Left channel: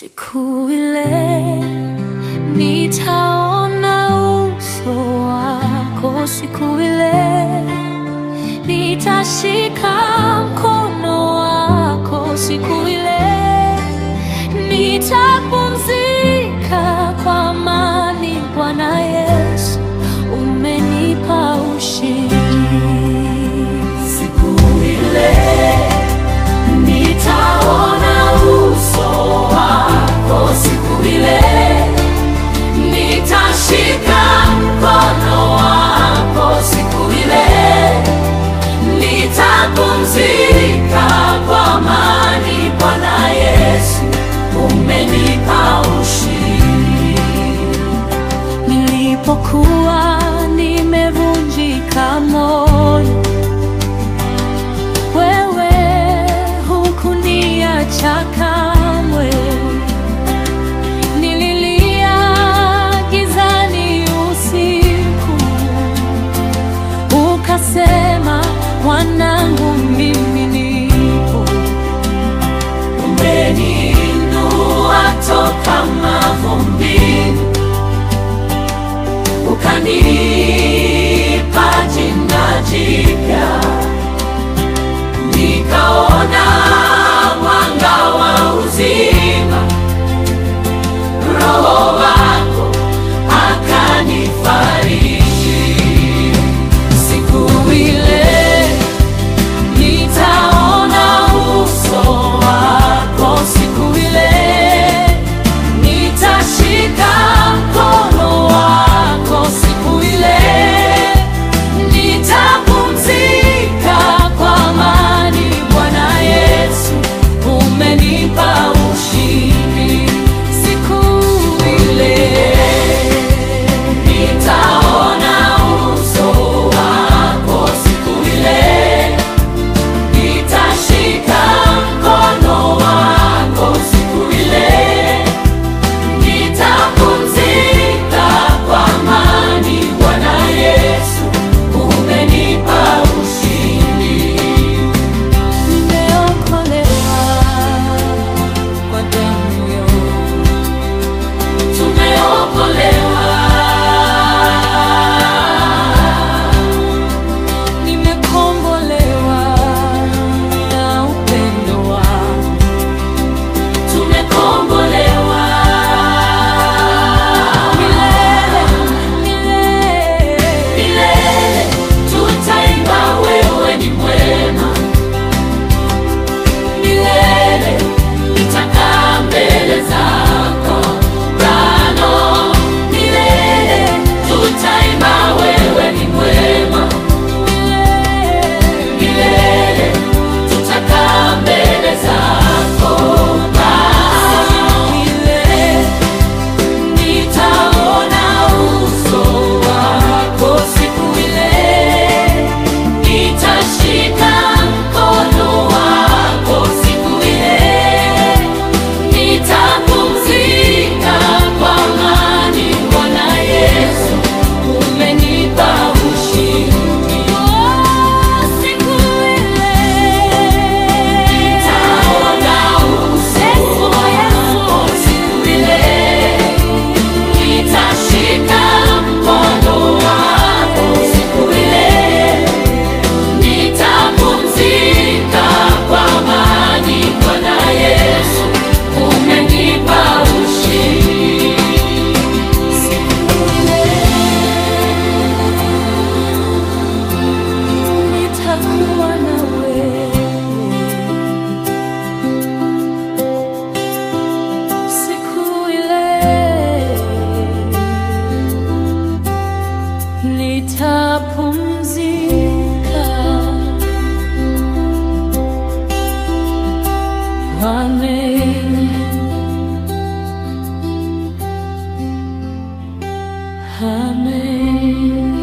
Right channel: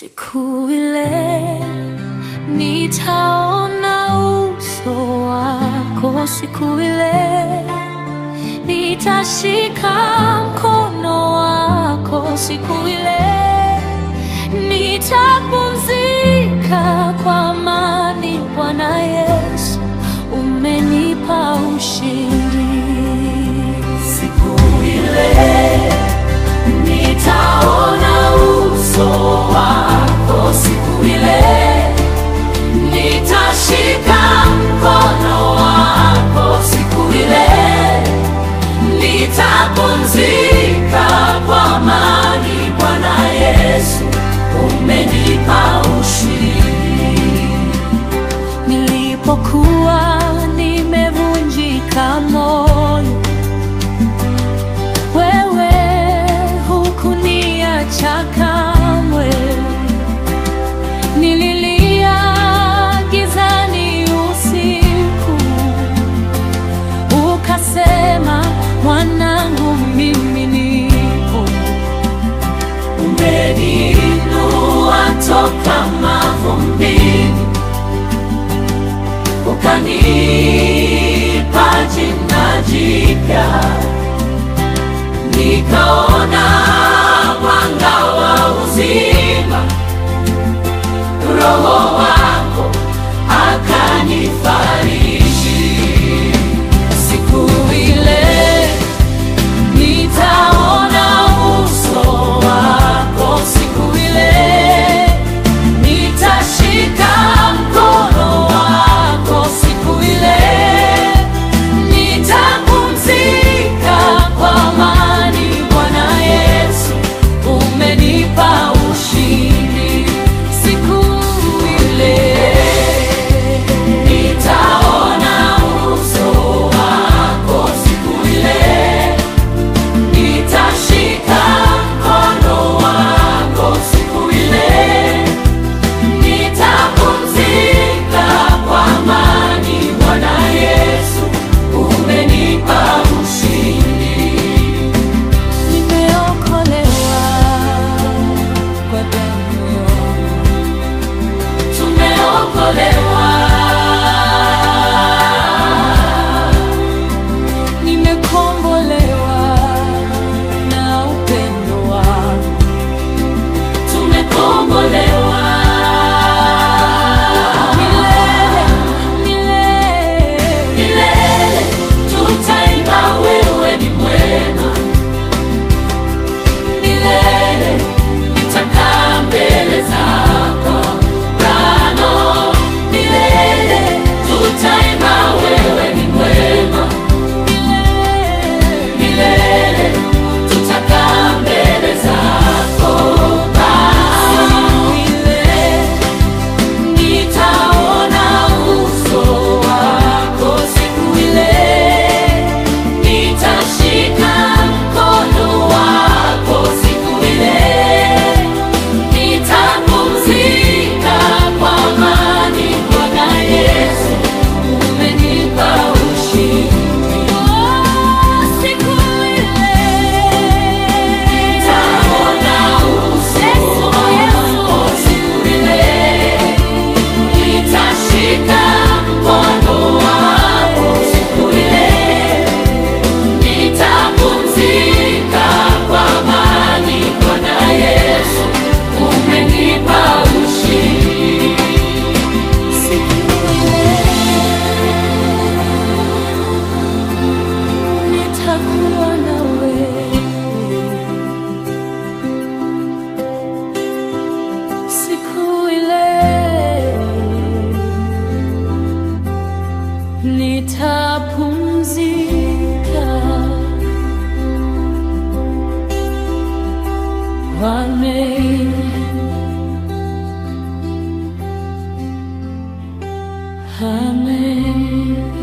Siku ile nitaona uso wako, siku ile nitashika mkono wako, siku ile nitapumzika kwa amani. Bwana Yesu, umenipa ushindi. Siku ile nitaona uso wako, siku ile nitashika mkono wako, siku ile nitapumzika kwa amani. Bwana Yesu, umenipa ushindi. Nilipokuwa nimevunjika moyo, wewe hukuniacha kamwe. Nililia gizani usiku, ukasema mwanangu, mimi nipo. Umeniinua toka mavumbini, ukanipa jina jipya, nikaona mwanga wa uzima. Roho wako akanifariji. Siku ile nitaona uso wako, siku ile nitashika mkono wako, siku ile nitapumzika kwa amani. Bwana Yesu, umenipa ushindi. Siku ile nitaona uso wako, siku ile nitashika mkono wako, siku ile nitapumzika kwa amani. Bwana Yesu, umenipa ushindi. Nimeokolewa kwa damu yako, tumeokolewa. Nimekombolewa na upendo wako, tumekombolewa. Milele, milele, milele tutaimba wewe ni mwema. Milele nitakaa mbele zako Bwana, milele tutaimba wewe ni mwema. Milele, milele tutakaa mbele zako Bwana. Siku ile nitaona uso wako, siku ile nitashika mkono wako, siku ile nitapumzika kwa amani. Bwana Yesu, umenipa ushindi. Oh, siku ile nitaona uso Yesu, siku ile nitashika mkono wako, siku ile nitapumzika kwa amani. Bwana Yesu, umenipa ushindi. Siku ile nitakuwa na wewe, siku ile nitapumzika. Amen, amen.